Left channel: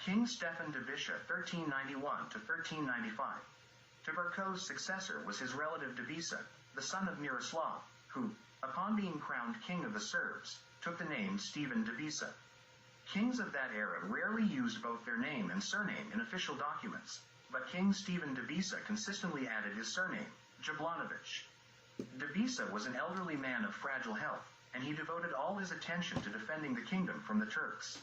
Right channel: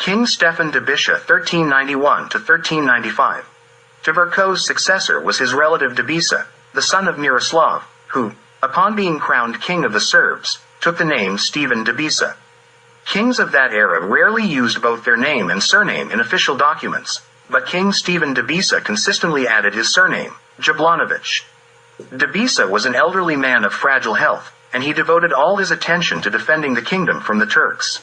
King Stefan Dobisha 1391–1395. Tvrko's successor was his relative Dobisa, the son of Miroslav, who, upon being crowned king of the Serbs, took the name Stephen Dobisa. Kings of that era rarely used both their name and surname in official documents, but King Stephen Dobisa consistently added his surname, Jablanović. Dobisa was an elderly man of fragile health, and he devoted all his attention to defending the kingdom from the Turks.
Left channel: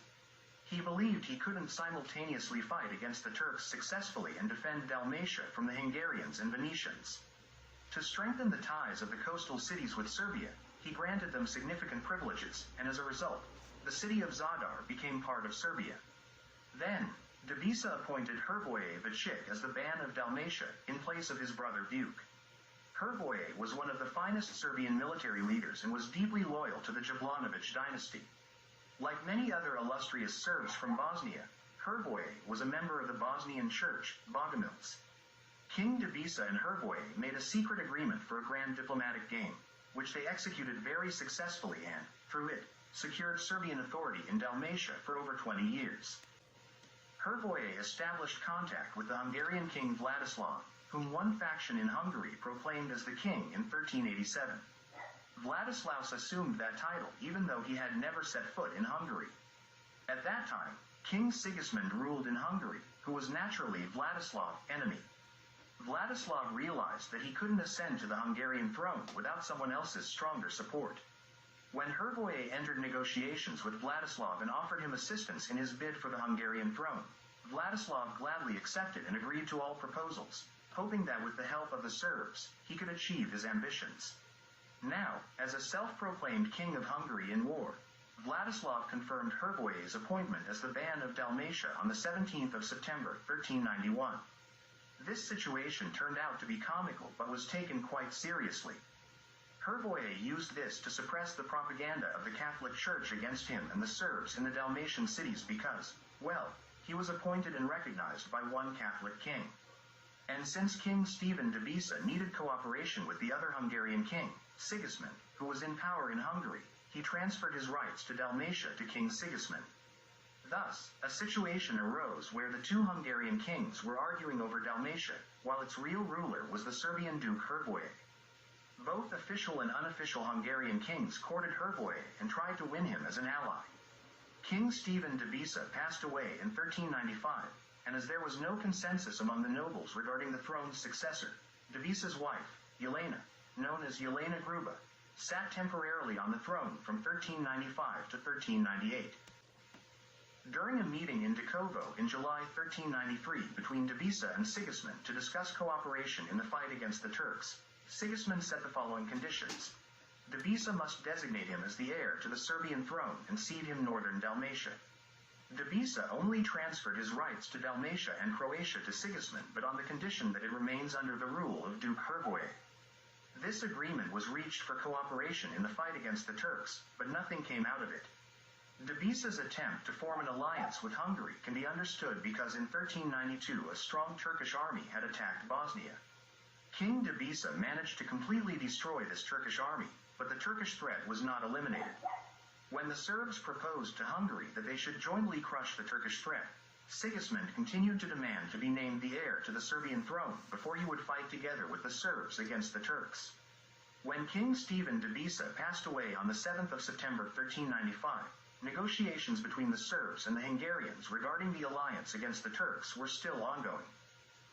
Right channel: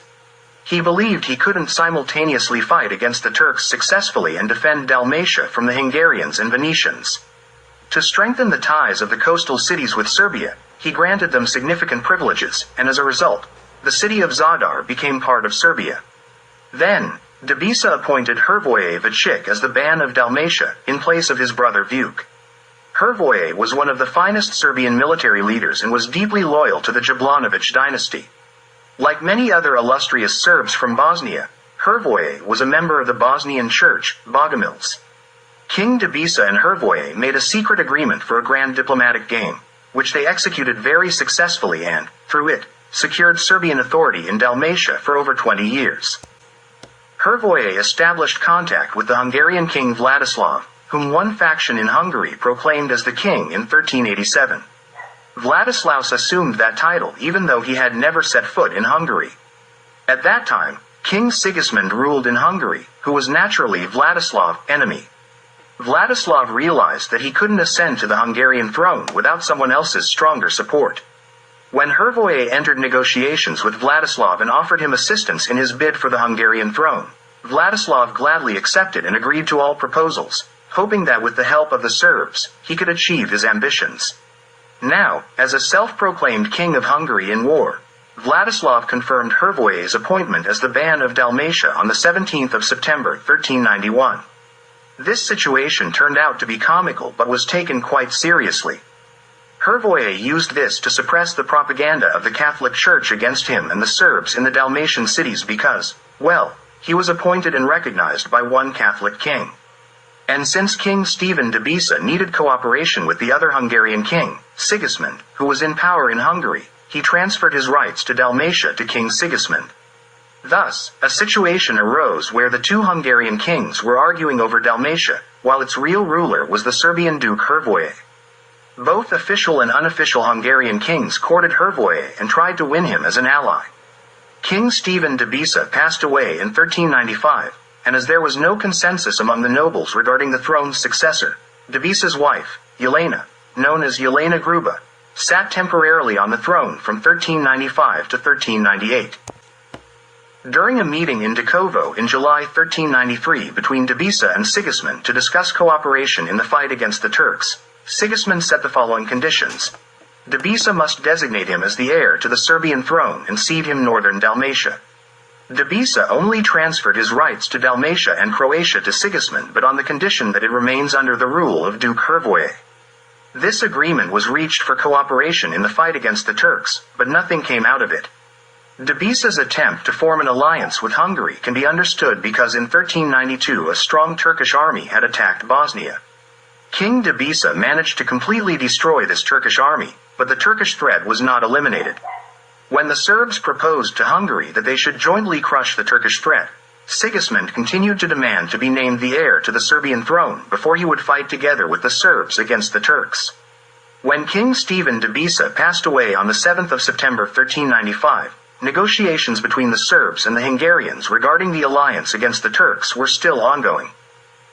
He believed he couldn't simultaneously fight against the Turks successfully and defend Dalmatia from the Hungarians and Venetians. To strengthen the ties of the coastal cities with Serbia, he granted them significant privileges, and as a result, the city of Zadar became part of Serbia. Then, Dobisa appointed Hrvoje Vachik as the Ban of Dalmatia, in place of his brother Vuk. Hrvoje was one of the finest Serbian military leaders and was deeply loyal to the Jablanović dynasty. Like many other illustrious Serbs from Bosnia, Hrvoje was a member of the Bosnian Church, Bogomils. King Dobisa and Hrvoje made a secret agreement for a grand diplomatic game, which they executed very successfully and, through it, secured Serbian authority in Dalmatia for over 20 years. Hrvoje established contact with the Hungarian king Vladislav, whom one faction in Hungary proclaimed as the king in 1387. Vladislaus assumed that title even though he had never set foot in Hungary. At that time, King Sigismund ruled in Hungary, who was naturally Vladislav's enemy. Vladislav realized that he couldn't ascend to the Hungarian throne without someone else's stronger support. When Hrvoje entered negotiations with Vladislav and offered him assistance in his bid for the Hungarian throne, Vladislav gladly accepted and agreed to all proposals, hoping that with the help of the Serbs, he could achieve his ambitions. Now, as a self-proclaimed king of Hungary in war, Vladislav confirmed Hrvoje's appointment as the Ban of Dalmatia on the 17th of September 1391. This situation turned out to be comical but was taken quite seriously. Hrvoje used this to suppress the propaganda of the Catholic Church against him and the Serbs in the Dalmatian cities because, well, he was appointed and recognized by one Catholic king. And since King Stephen Dobisa needed cooperation with the other Hungarian king, Sigismund, who was in power in Hungary, he transferred his rights to Dalmatia to King Sigismund. Thus, a situation arose where the two Hungarian kings were arguing over Dalmatia, while its real ruler was the Serbian Duke Hrvoje. Both official and unofficial Hungarian kings courted Hrvoje and tried to win him as an ally. King Stephen Dobisa passed away in 1395, and as there was no consensus among the nobles regarding the throne's successor, Dobisa's wife, Jelena, known as Jelena Gruba, sat temporarily on the throne from 1395 to 1398. During a meeting in Dekovo in July 1393 between Dobisa and Sigismund to discuss cooperation in the fight against the Turks, Sigismund set the following conditions. Dobisa must designate him as the heir to the Serbian throne and cede him northern Dalmatia. Dobisa only transferred his rights to Dalmatia and Croatia to Sigismund but on the condition that it remains under the rule of Duke Hrvoje. This agreement was reached for cooperation in the fight against the Turks, but nothing came out of it. Dobisa's attempt to form an alliance with Hungary can be understood because in 1392 a strong Turkish army had attacked Bosnia. King Dobisa managed to completely destroy this Turkish army, but the Turkish threat was not eliminated. When the Serbs proposed to Hungary that they should jointly crush the Turkish threat, Sigismund continued to demand to be named the heir to the Serbian throne before he would fight together with the Serbs against the Turks. When King Stephen Dobisa passed away on the 7th of September 1395, negotiations between the Serbs and the Hungarians regarding the alliance against the Turks were still ongoing.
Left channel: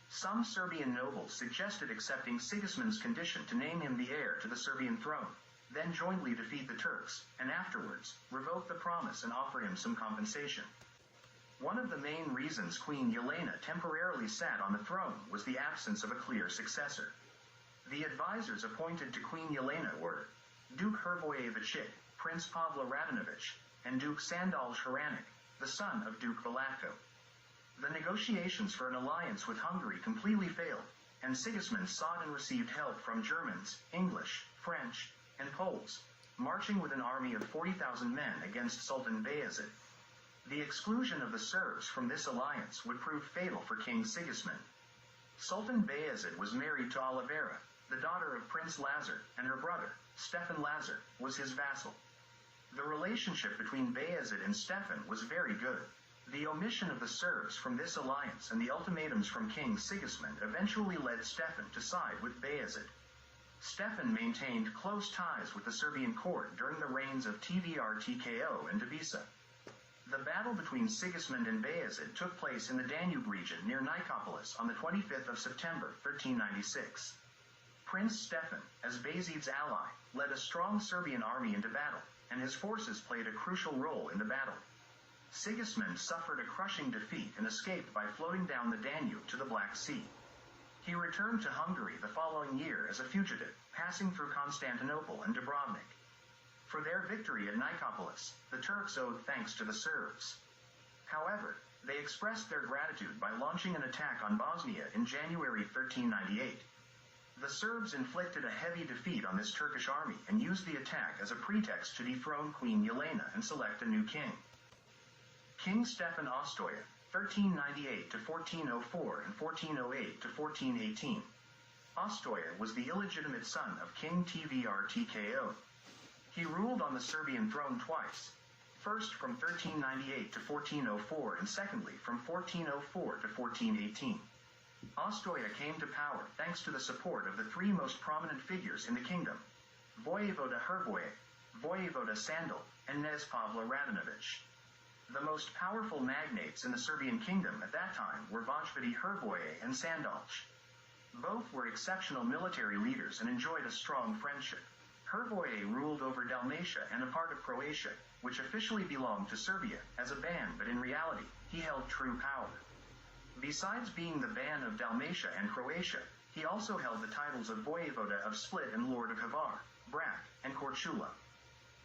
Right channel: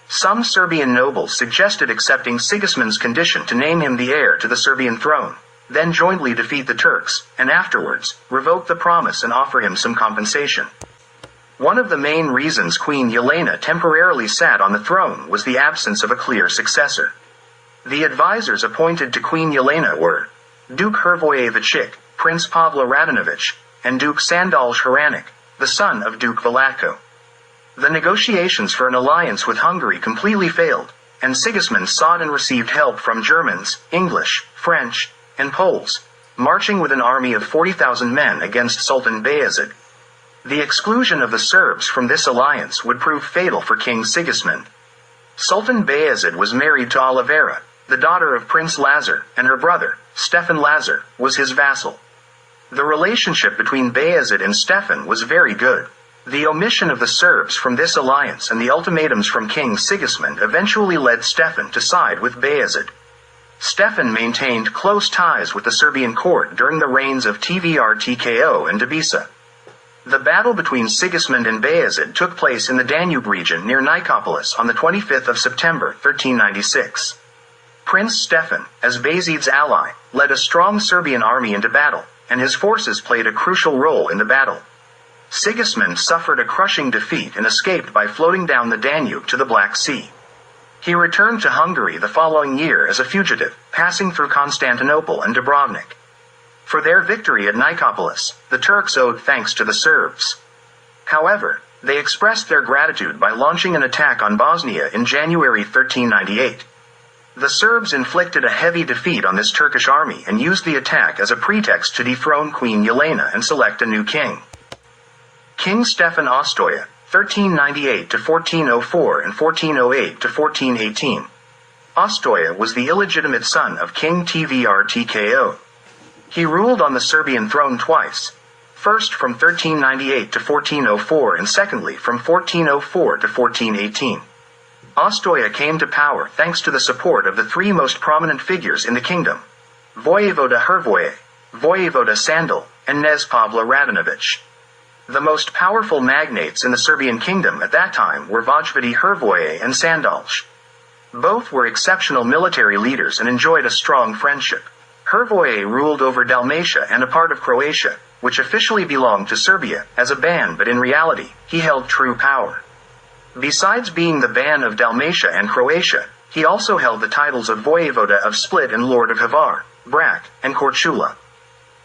Some Serbian nobles suggested accepting Sigismund's condition to name him the heir to the Serbian throne, then jointly defeat the Turks, and afterwards, revoke the promise and offer him some compensation. One of the main reasons Queen Jelena temporarily sat on the throne was the absence of a clear successor. The advisors appointed to Queen Jelena were Duke Hrvoje Vachik, Prince Pavlo Radanović, and Duke Sandal Hranic, the son of Duke Vlatko. The negotiations for an alliance with Hungary completely failed, and Sigismund sought and received help from Germans, English, French, and Poles, marching with an army of 40,000 men against Sultan Bayezid. The exclusion of the Serbs from this alliance would prove fatal for King Sigismund. Sultan Bayezid was married to Olivera, the daughter of Prince Lazar, and her brother, Stefan Lazar, was his vassal. The relationship between Bayezid and Stefan was very good. The omission of the Serbs from this alliance and the ultimatums from King Sigismund eventually led Stefan to side with Bayezid. Stefan maintained close ties with the Serbian court during the reigns of Tvrtko and Debisa. The battle between Sigismund and Bayezid took place in the Danube region near Nicopolis on the 25th of September, 1396. Prince Stefan, as Bayezid's ally, led a strong Serbian army into battle, and his forces played a crucial role in the battle. Sigismund suffered a crushing defeat and escaped by floating down the Danube to the Black Sea. He returned to Hungary the following year as a fugitive, passing through Constantinople and Dubrovnik. For their victory at Nicopolis, the Turks owed thanks to the Serbs. However, they expressed their gratitude by launching an attack on Bosnia in January 1398. The Serbs inflicted a heavy defeat on this Turkish army and used the attack as a pretext to dethrone Queen Jelena and select a new king. King Stefan Ostoja, 1398–1404 and 1408–1418. Ostoja was the illegitimate son of King Tvrtko. He ruled on the Serbian throne twice, first from 1398 to 1404 and secondly from 1404 to 1418. Ostoja came to power thanks to the support of the three most prominent figures in the kingdom: Vojevoda Hrvoje, Vojevoda Sandal, and Knez Pavle Radanović. The most powerful magnates in the Serbian kingdom at that time were Vojvodi Hrvoje and Sandalj. Both were exceptional military leaders and enjoyed a strong friendship. Hrvoje ruled over Dalmatia and a part of Croatia, which officially belonged to Serbia, as a ban, but in reality, he held true power. Besides being the ban of Dalmatia and Croatia, he also held the titles of Vojevoda of Split and Lord of Hvar, Brac, and Korčula.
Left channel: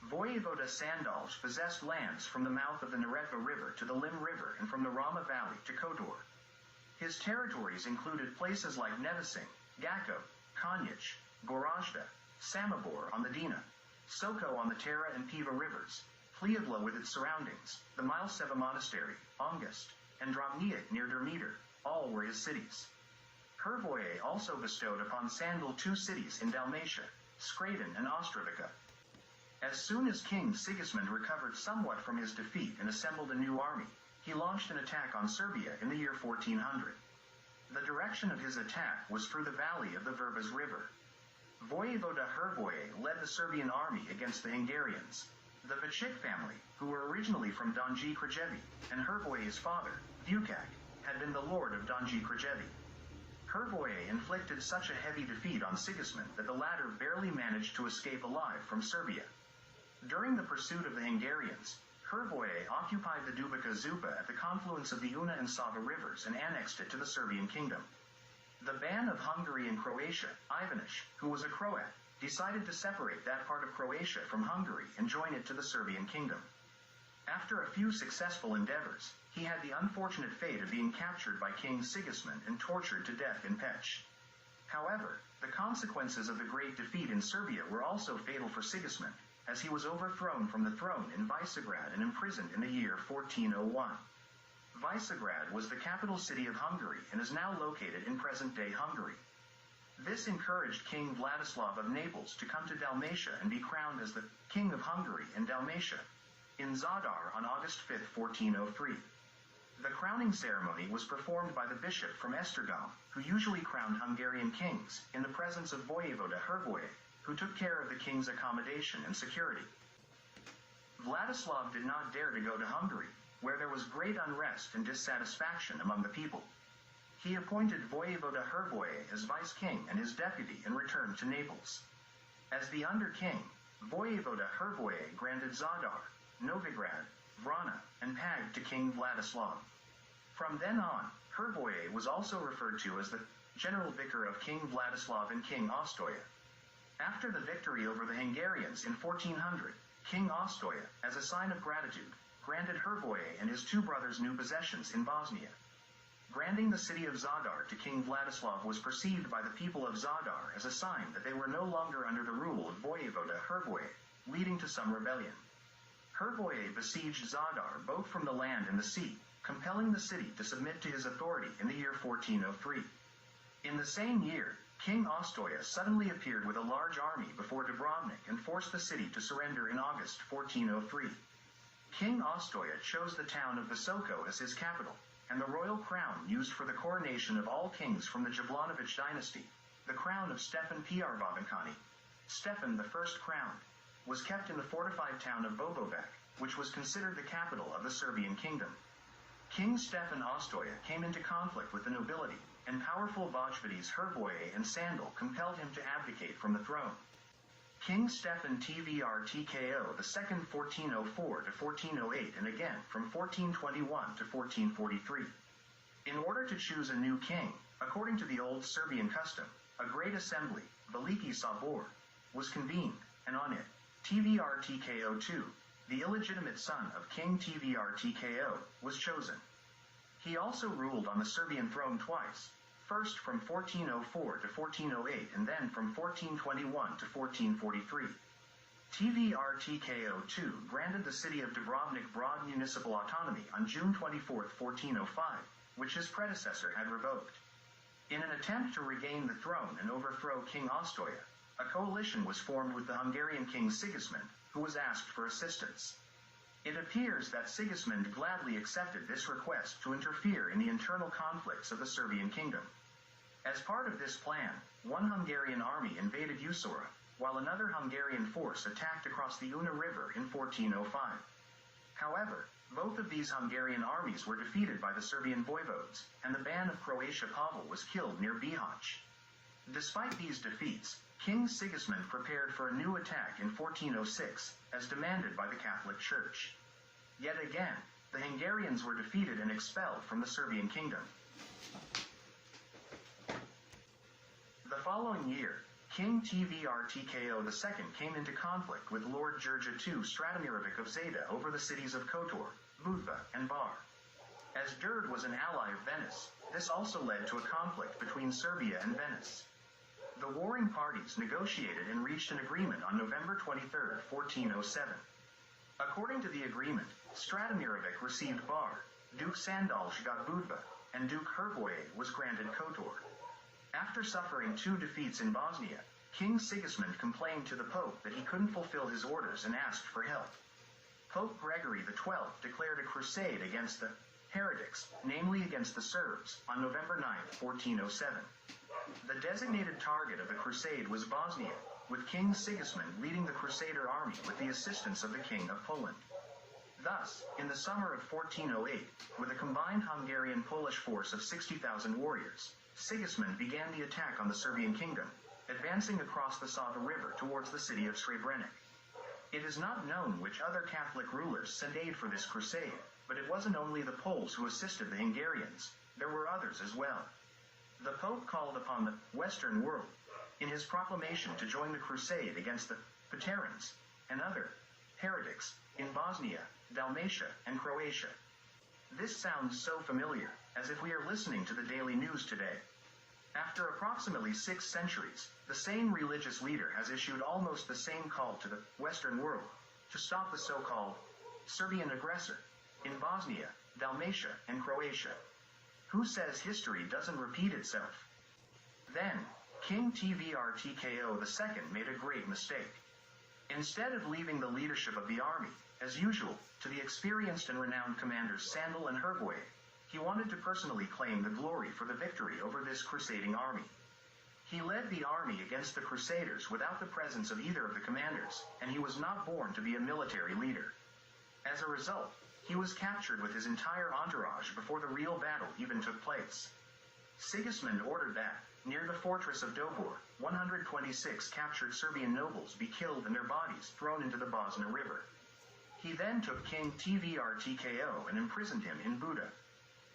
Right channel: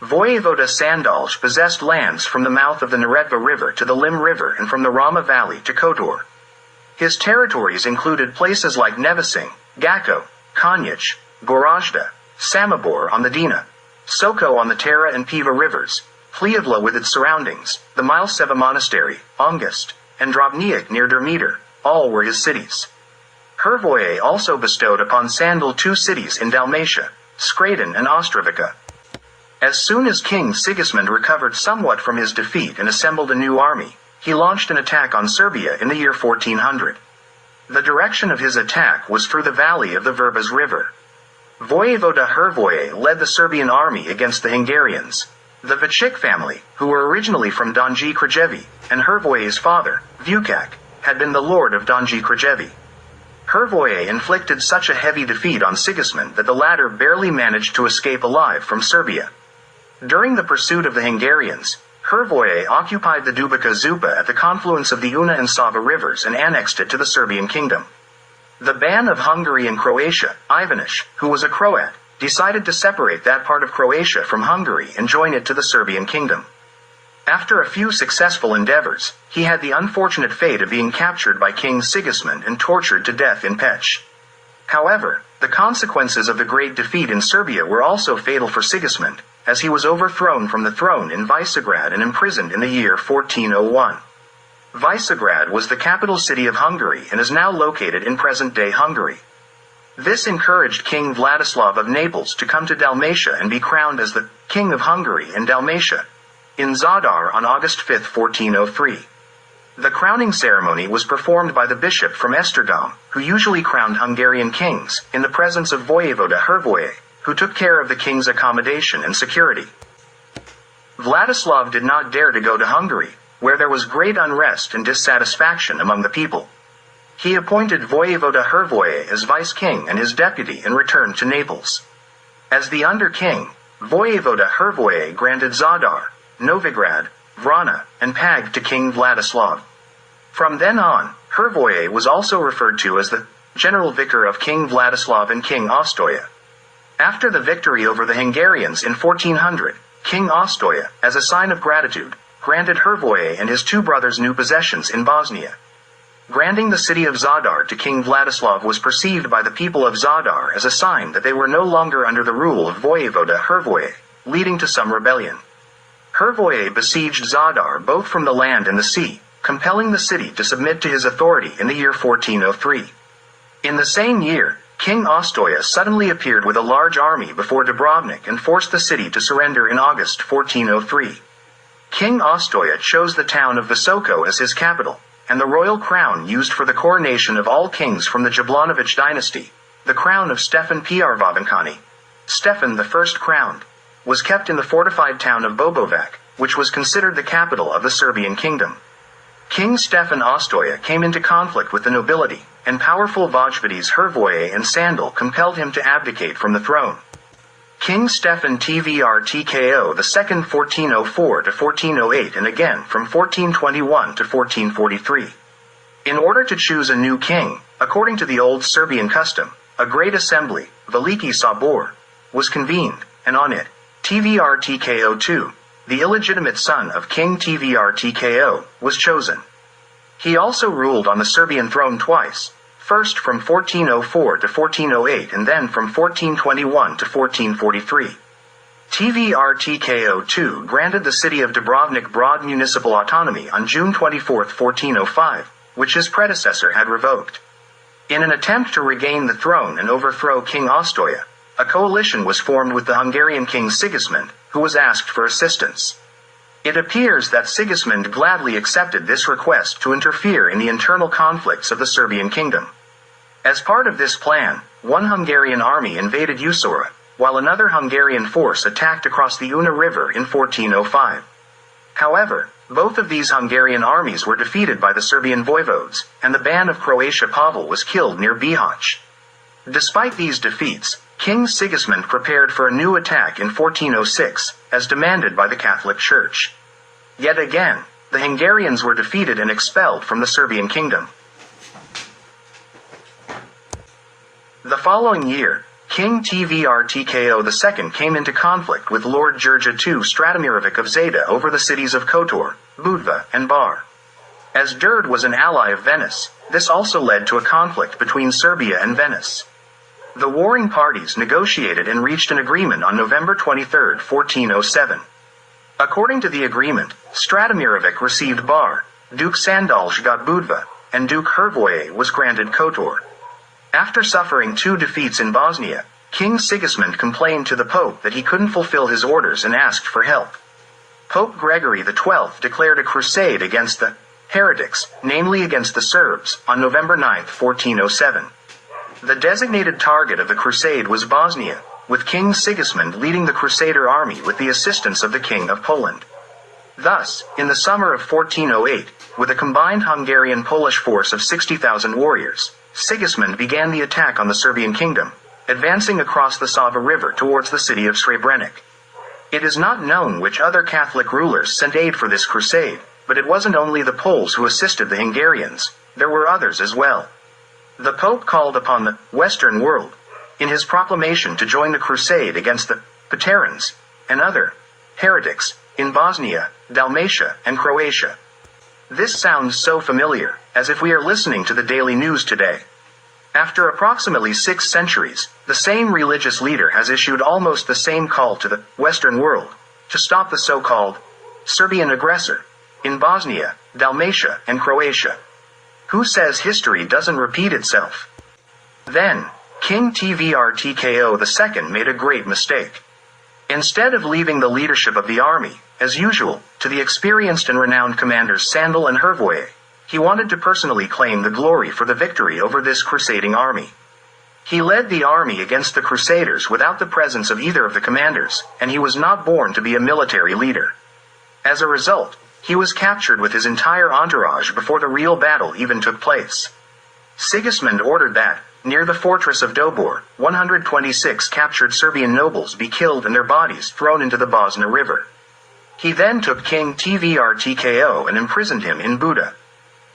Vojevoda Sandalj possessed lands from the mouth of the Neretva River to the Lim River and from the Rama Valley to Kotor. His territories included places like Nevesinj, Gacko, Konjic, Gorazda, Samobor on the Dina, Soko on the Tara and Piva rivers, Pljevlja with its surroundings, the Mileseva Monastery, Ongest, and Drobnjak near Dermitar, all were his cities. Hrvoje also bestowed upon Sandal two cities in Dalmatia, Skradin and Ostrovica. As soon as King Sigismund recovered somewhat from his defeat and assembled a new army, he launched an attack on Serbia in the year 1400. The direction of his attack was through the valley of the Verbas River. Vojevoda Hrvoje led the Serbian army against the Hungarians. The Vachik family, who were originally from Donji Krajevi, and Hrvoje's father, Vukac, had been the lord of Donji Krajevi. Hrvoje inflicted such a heavy defeat on Sigismund that the latter barely managed to escape alive from Serbia. During the pursuit of the Hungarians, Hrvoje occupied the Dubica Zupa at the confluence of the Una and Sava rivers and annexed it to the Serbian kingdom. The Ban of Hungary and Croatia, Ivanish, who was a Croat, decided to separate that part of Croatia from Hungary and join it to the Serbian kingdom. After a few successful endeavors, he had the unfortunate fate of being captured by King Sigismund and tortured to death in Peć. However, the consequences of the great defeat in Serbia were also fatal for Sigismund, as he was overthrown from the throne in Visegrad and imprisoned in the year 1401. Visegrad was the capital city of Hungary and is now located in present-day Hungary. This encouraged King Vladislav of Naples to come to Dalmatia and be crowned as the King of Hungary and Dalmatia in Zadar on August 5, 1403. The crowning ceremony was performed by the bishop from Esztergom, who usually crowned Hungarian kings, in the presence of Vojevoda Hrvoje, who took care of the king's accommodation and security. Vladislav did not dare to go to Hungary, where there was great unrest and dissatisfaction among the people. He appointed Vojevoda Hrvoje as vice-king and his deputy and returned to Naples. As the under-king, Vojevoda Hrvoje granted Zadar, Novigrad, Vrana, and Pag to King Vladislav. From then on, Hrvoje was also referred to as the general vicar of King Vladislav and King Ostoja. After the victory over the Hungarians in 1400, King Ostoja, as a sign of gratitude, granted Hrvoje and his two brothers new possessions in Bosnia. Granting the city of Zadar to King Vladislav was perceived by the people of Zadar as a sign that they were no longer under the rule of Vojevoda Hrvoje, leading to some rebellion. Hrvoje besieged Zadar both from the land and the sea, compelling the city to submit to his authority in the year 1403. In the same year, King Ostoja suddenly appeared with a large army before Dubrovnik and forced the city to surrender in August 1403. King Ostoja chose the town of Visoko as his capital, and the royal crown used for the coronation of all kings from the Jablanović dynasty, the crown of Stefan Prvovenkani, Stefan the First crowned, was kept in the fortified town of Bobovac, which was considered the capital of the Serbian kingdom. King Stefan Ostoja came into conflict with the nobility, and powerful Vojvodies Hrvoje and Sandal compelled him to abdicate from the throne. King Stefan Tvrtko II 1404 to 1408 and again from 1421 to 1443. In order to choose a new king, according to the old Serbian custom, a great assembly, Veliki Sabor, was convened, and on it, Tvrtko II, the illegitimate son of King Tvrtko, was chosen. He also ruled on the Serbian throne twice, first from 1404 to 1408 and then from 1421 to 1443. Tvrtko II granted the city of Dubrovnik broad municipal autonomy on June 24, 1405, which his predecessor had revoked. In an attempt to regain the throne and overthrow King Ostoja, a coalition was formed with the Hungarian king Sigismund, who was asked for assistance. It appears that Sigismund gladly accepted this request to interfere in the internal conflicts of the Serbian kingdom. As part of this plan, one Hungarian army invaded Usora, while another Hungarian force attacked across the Una River in 1405. However, both of these Hungarian armies were defeated by the Serbian voivodes, and the Ban of Croatia Pavel was killed near Bihać. Despite these defeats, King Sigismund prepared for a new attack in 1406, as demanded by the Catholic Church. Yet again, the Hungarians were defeated and expelled from the Serbian kingdom. The following year, King Tvrtko II came into conflict with Lord Georgia II Stratimirovic of Zeta over the cities of Kotor, Budva, and Bar. As Durd was an ally of Venice, this also led to a conflict between Serbia and Venice. The warring parties negotiated and reached an agreement on November 23, 1407. According to the agreement, Stratimirovic received Bar, Duke Sandalj got Budva, and Duke Hrvoje was granted Kotor. After suffering 2 defeats in Bosnia, King Sigismund complained to the Pope that he couldn't fulfill his orders and asked for help. Pope Gregory XII declared a crusade against the heretics, namely against the Serbs, on November 9, 1407. The designated target of the crusade was Bosnia, with King Sigismund leading the Crusader army with the assistance of the King of Poland. Thus, in the summer of 1408, with a combined Hungarian-Polish force of 60,000 warriors, Sigismund began the attack on the Serbian kingdom, advancing across the Sava River towards the city of Srebrenik. It is not known which other Catholic rulers sent aid for this crusade, but it wasn't only the Poles who assisted the Hungarians, there were others as well. The Pope called upon the Western world, in his proclamation to join the crusade against the Paterans and other heretics in Bosnia, Dalmatia, and Croatia. This sounds so familiar, as if we are listening to the daily news today. After approximately 6 centuries, the same religious leader has issued almost the same call to the Western world, to stop the so-called Serbian aggressor in Bosnia, Dalmatia, and Croatia. Who says history doesn't repeat itself? Then, King Tvrtko II made a great mistake. Instead of leaving the leadership of the army, as usual, to the experienced and renowned commanders Sandal and Hrvoje, he wanted to personally claim the glory for the victory over this crusading army. He led the army against the Crusaders without the presence of either of the commanders, and he was not born to be a military leader. As a result, he was captured with his entire entourage before the real battle even took place. Sigismund ordered that, near the fortress of Dobor, 126 captured Serbian nobles be killed and their bodies thrown into the Bosna River. He then took King Tvrtko and imprisoned him in Buda.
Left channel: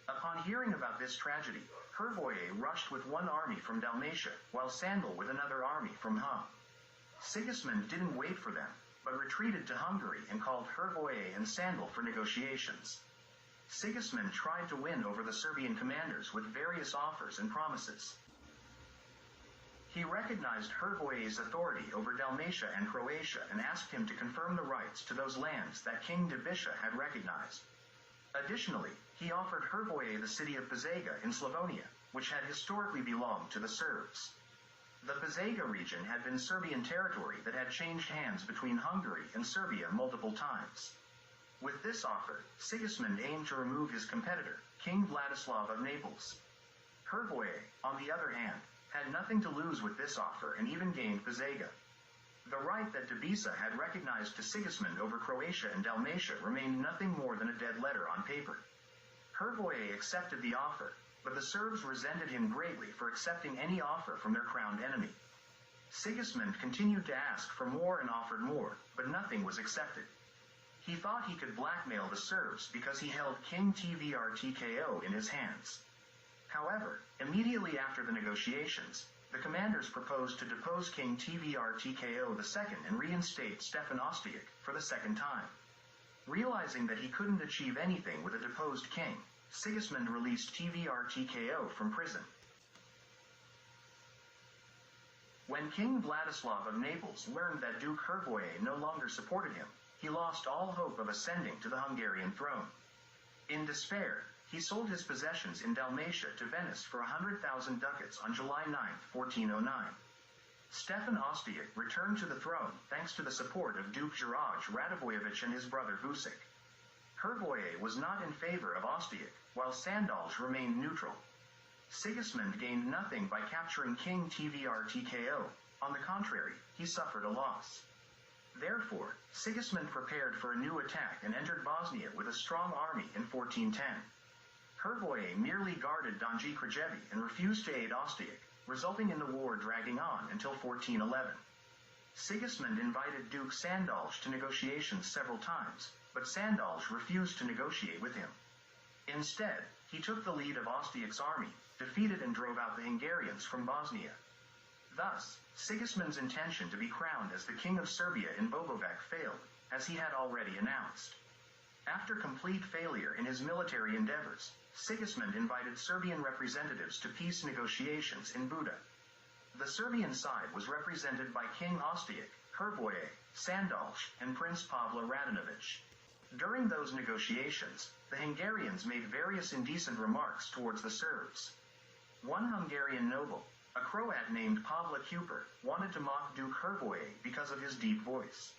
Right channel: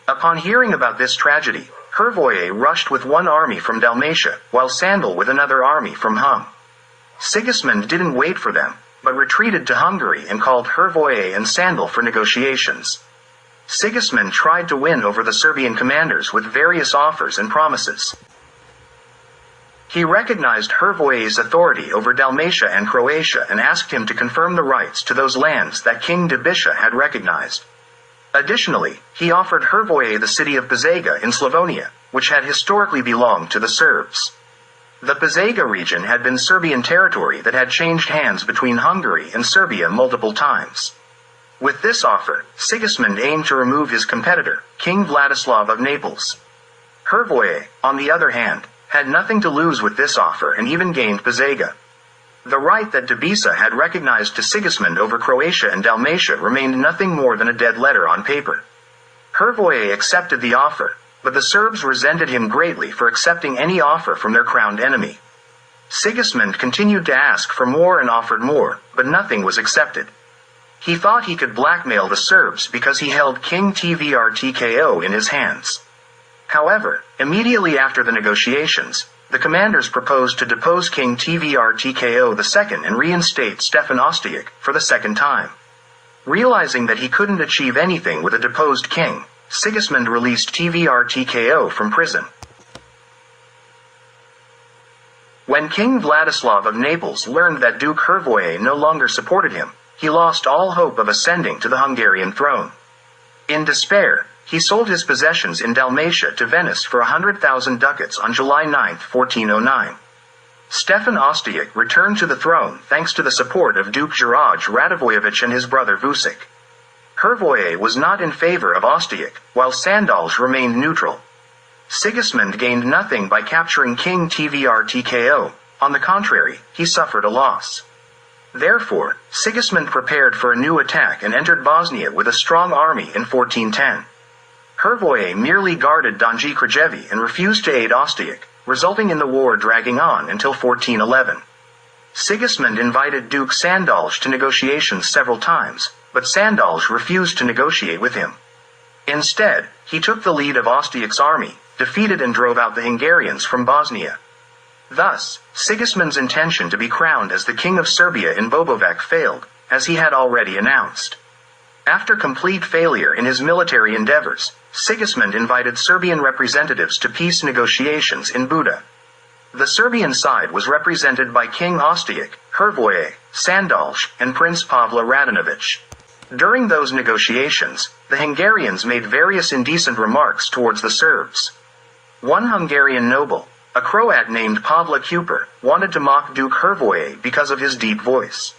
Upon hearing about this tragedy, Hrvoje rushed with one army from Dalmatia, while Sandal with another army from Hum. Sigismund didn't wait for them, but retreated to Hungary and called Hrvoje and Sandal for negotiations. Sigismund tried to win over the Serbian commanders with various offers and promises. He recognized Hrvoje's authority over Dalmatia and Croatia and asked him to confirm the rights to those lands that King Dobisha had recognized. Additionally, he offered Hrvoje the city of Požega in Slavonia, which had historically belonged to the Serbs. The Požega region had been Serbian territory that had changed hands between Hungary and Serbia multiple times. With this offer, Sigismund aimed to remove his competitor, King Vladislav of Naples. Hrvoje, on the other hand, had nothing to lose with this offer and even gained Požega. The right that Debisa had recognized to Sigismund over Croatia and Dalmatia remained nothing more than a dead letter on paper. Hrvoje accepted the offer, but the Serbs resented him greatly for accepting any offer from their crowned enemy. Sigismund continued to ask for more and offered more, but nothing was accepted. He thought he could blackmail the Serbs because he held King Tvrtko in his hands. However, immediately after the negotiations, the commanders proposed to depose King Tvrtko II and reinstate Stefan Osijek for the second time. Realizing that he couldn't achieve anything with a deposed king, Sigismund released Tvrtko from prison. When King Vladislav of Naples learned that Duke Hrvoje no longer supported him, he lost all hope of ascending to the Hungarian throne. In despair, he sold his possessions in Dalmatia to Venice for 100,000 ducats on July 9, 1409. Stefan Osijek returned to the throne thanks to the support of Duke Juraj Radivojevich and his brother Vucic. Hrvoje was not in favor of Osijek, while Sandalj remained neutral. Sigismund gained nothing by capturing King Tvrtko. On the contrary, he suffered a loss. Therefore, Sigismund prepared for a new attack and entered Bosnia with a strong army in 1410. Hrvoje merely guarded Donji Krajevi and refused to aid Osijek, resulting in the war dragging on until 1411. Sigismund invited Duke Sandalj to negotiations several times, but Sandalj refused to negotiate with him. Instead, he took the lead of Osijek's army, defeated and drove out the Hungarians from Bosnia. Thus, Sigismund's intention to be crowned as the King of Serbia in Bobovac failed, as he had already announced. After complete failure in his military endeavors, Sigismund invited Serbian representatives to peace negotiations in Buda. The Serbian side was represented by King Osijek, Hrvoje, Sandalj, and Prince Pavle Radinović. During those negotiations, the Hungarians made various indecent remarks towards the Serbs. One Hungarian noble, a Croat named Pavle Kuper, wanted to mock Duke Hrvoje because of his deep voice.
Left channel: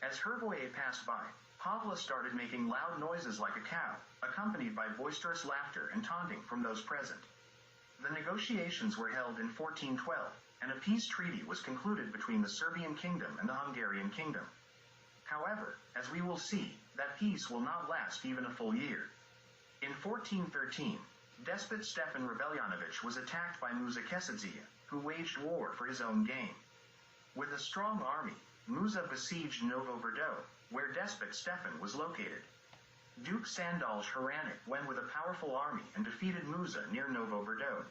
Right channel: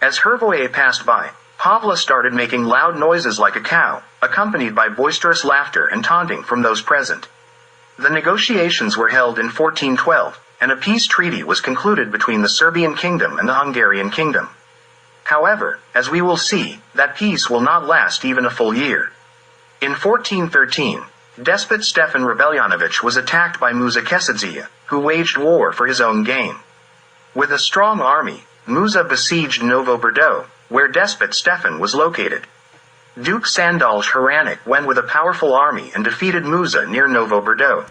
As Hrvoje passed by, Pavle started making loud noises like a cow, accompanied by boisterous laughter and taunting from those present. The negotiations were held in 1412, and a peace treaty was concluded between the Serbian kingdom and the Hungarian kingdom. However, as we will see, that peace will not last even a full year. In 1413, despot Stefan Rebeljonović was attacked by Musa Kesedziya, who waged war for his own gain. With a strong army, Musa besieged Novo Brdo, where despot Stefan was located. Duke Sandalj Hranic went with a powerful army and defeated Musa near Novo Brdo.